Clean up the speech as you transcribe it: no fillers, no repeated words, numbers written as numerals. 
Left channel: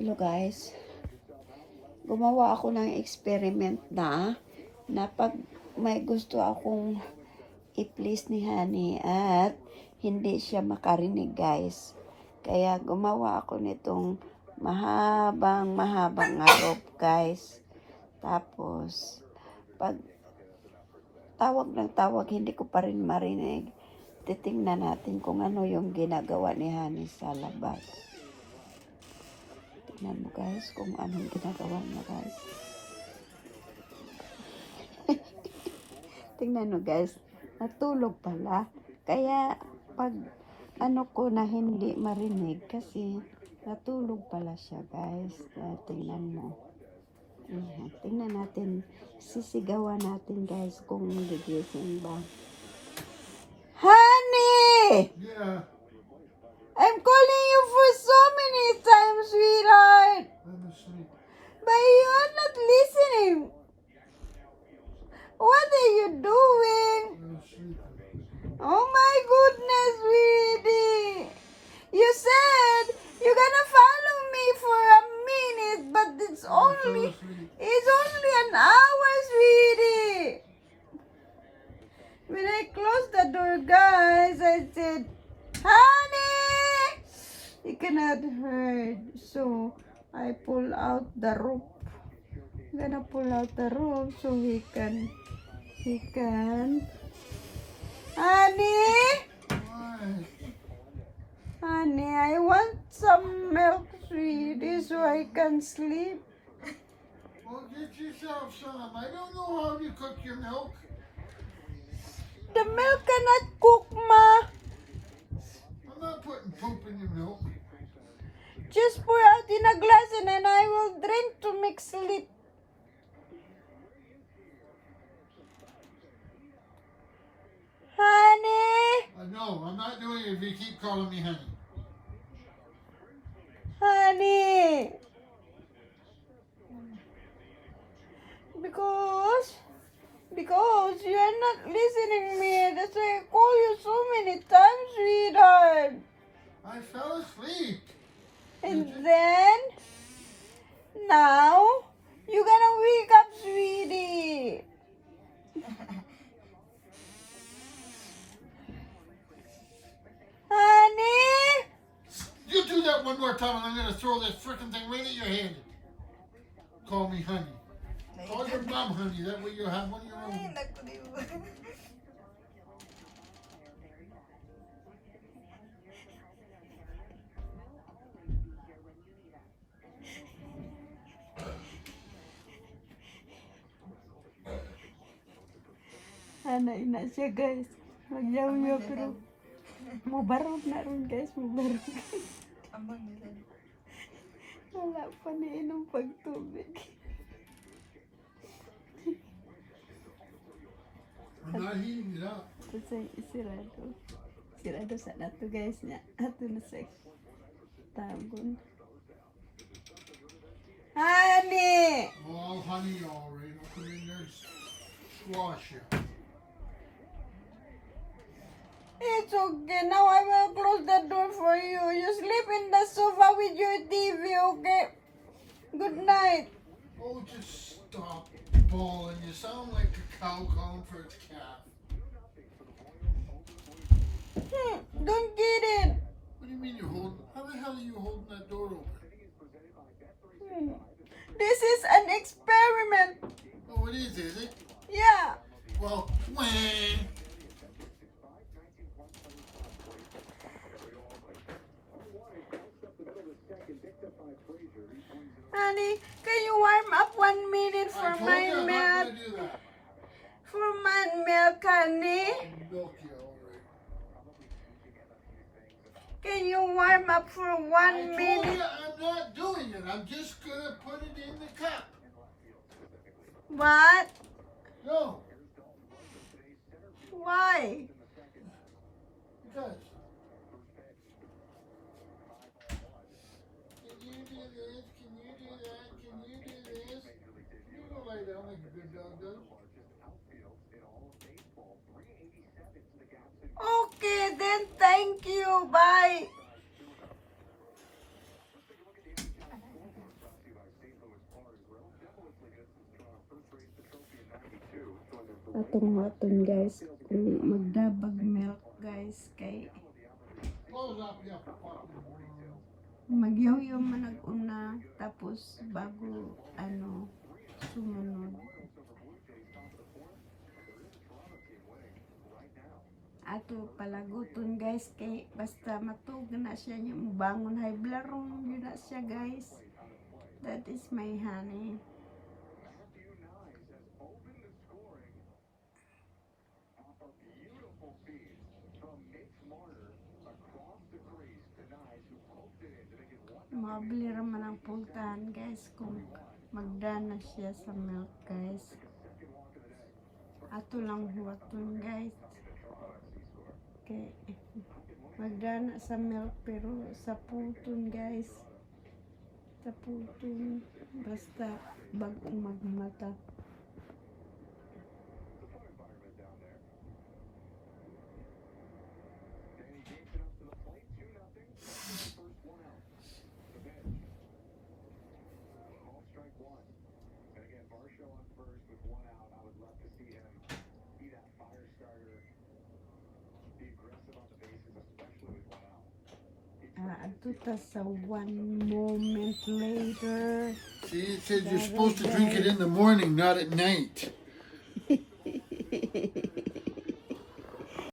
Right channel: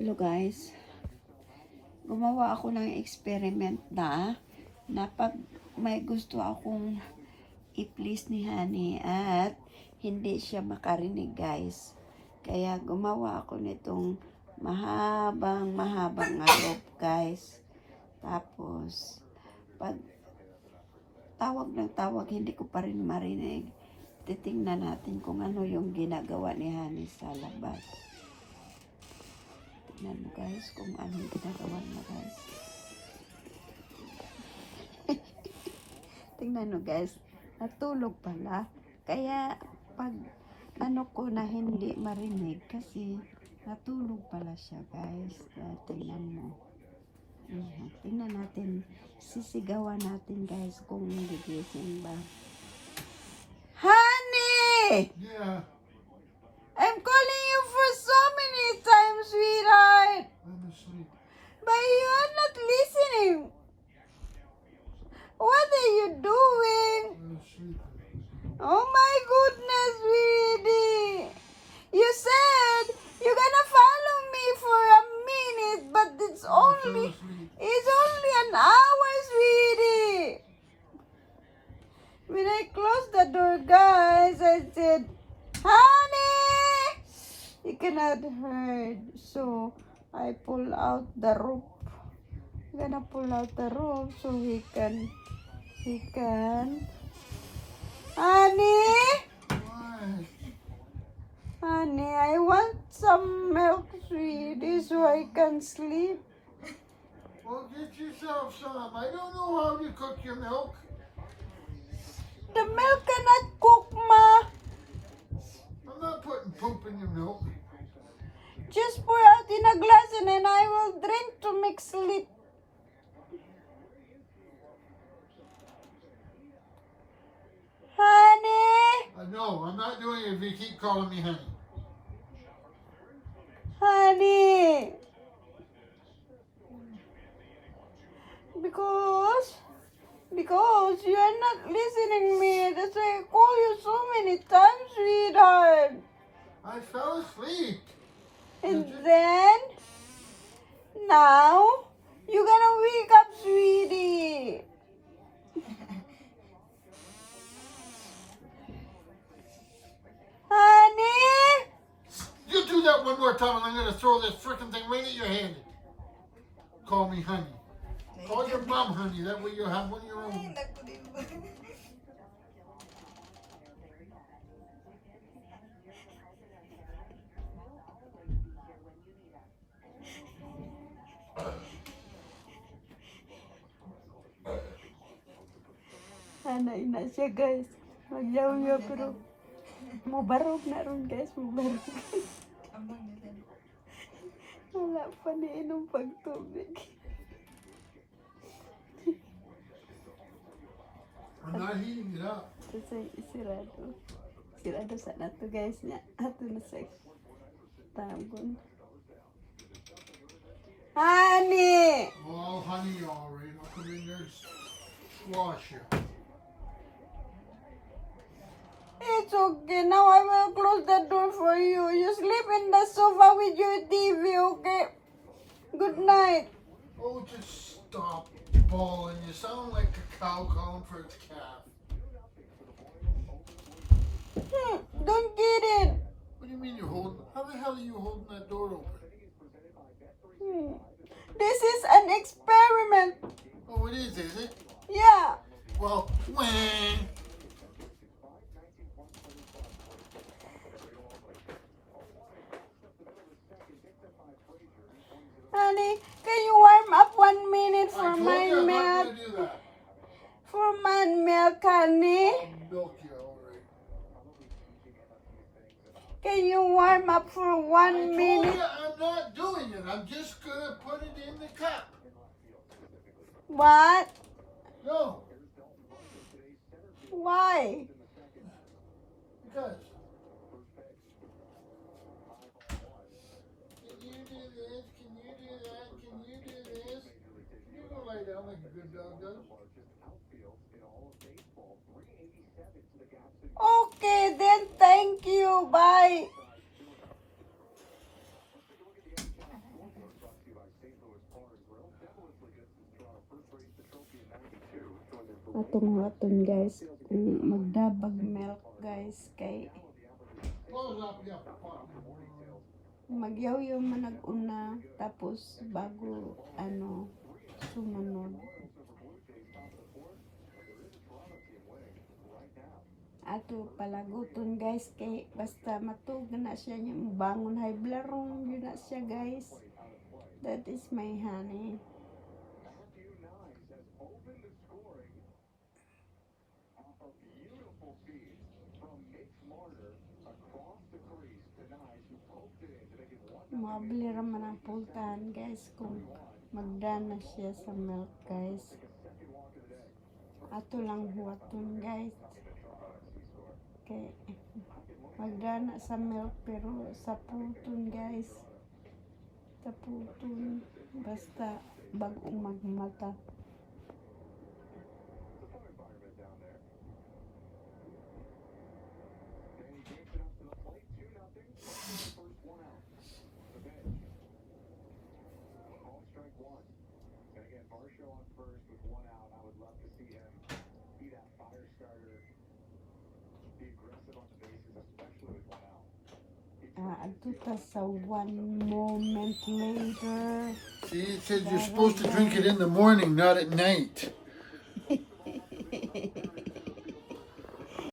Hello guys, gumawa ako ng experiment na pag may gusto akong i-please ni Honey at hindi siya makarinig guys. Kaya gumawa ako nitong mahabang rope guys. Tapos pag tawag ng tawag hindi ko pa rin marinig. Titingnan natin kung ano yung ginagawa ni Honey sa labas. Tingnan mo guys kung anong ginagawa mo guys. Tingnan mo guys, natulog pala. Kaya pag ano ko na hindi marinig kasi natulog pala siya guys. Kaya tingnan mo. Ayan, tingnan natin, sisigawan natin guys kung gigising ba. Honey! Yeah, I'm calling you for so many times, sweetheart. I'm asleep. But you're not listening. What are you doing? I'm asleep. Oh my goodness, sweetie. You said you're gonna follow me for a minute, but I fell asleep. it's only an hour, sweetie. When I closed the door, guys, I said, Honey! He cannot heard. So, I pull out the rope. I'm gonna pull out the rope so he can, Honey! Why? Honey, I want some milk, sweetie, so I can sleep. Well, get yourself some. I don't know how to cook your milk. The milk cannot cook, Ma. I'm not putting poop in your milk. Just pour out in a glass and then I will drink to make sleep. Honey, No, I'm not doing it if you keep calling me honey. honey. Because you're not listening to me. That's why I call you so many times, sweetheart. I fell asleep. And then, now, you're gonna wake up, sweetie. Honey? You do that one more time and I'm going to throw this frickin' thing right at your hand. Call me honey. Call your mom honey. That way you'll have one of your own. Nanay na siya guys. Magyaw-yaw pero mubarog na ron guys. Mubarog. Wala pa niinom pagtubig. I'm not heating it up. Kasi isirado. Isirado sa nato guys niya. Ato na sa tagon. Honey! Oh, honey, all right. I'll come in there and squash you. It's okay. Now I will close the door for you. You sleep in the sofa with your TV, okay? Good night. Oh, just stop bawling. You sound like a cow calling for its calf. Don't get it. What do you mean you're holding? How the hell are you holding that door open? This is an experiment. Oh, it is it? Yeah. Well, when? Honey, can you warm up 1 minute for I told my you I'm not milk? going to do that. For my milk, honey. I'll milk you, all right. Can you warm up for I 1 told minute? you I'm not doing it. I'm just going to put it in the cup. What? No, Why? because. Can you do this? Can you do that? Can you do this? You go lay down like a good dog does. Okay, then thank you. Bye. atong waton guys kung magdabag milk guys kay Close up, you fucking world. magyaw-yaw man nag-una tapos bago ano sumunod. Ato palaguton guys kay basta matug na siya niya bangon high blarong yun na siya guys. That is my honey. Mabili raman ang pultahan guys kung magdana siya sa milk guys. Ato lang huwaton guys. Okay. Magdana sa milk pero sa puton guys. Sa puton basta bagong magmata. Ato ta sa 1 moment later. See, it said you're supposed to drink it in the morning, not at night.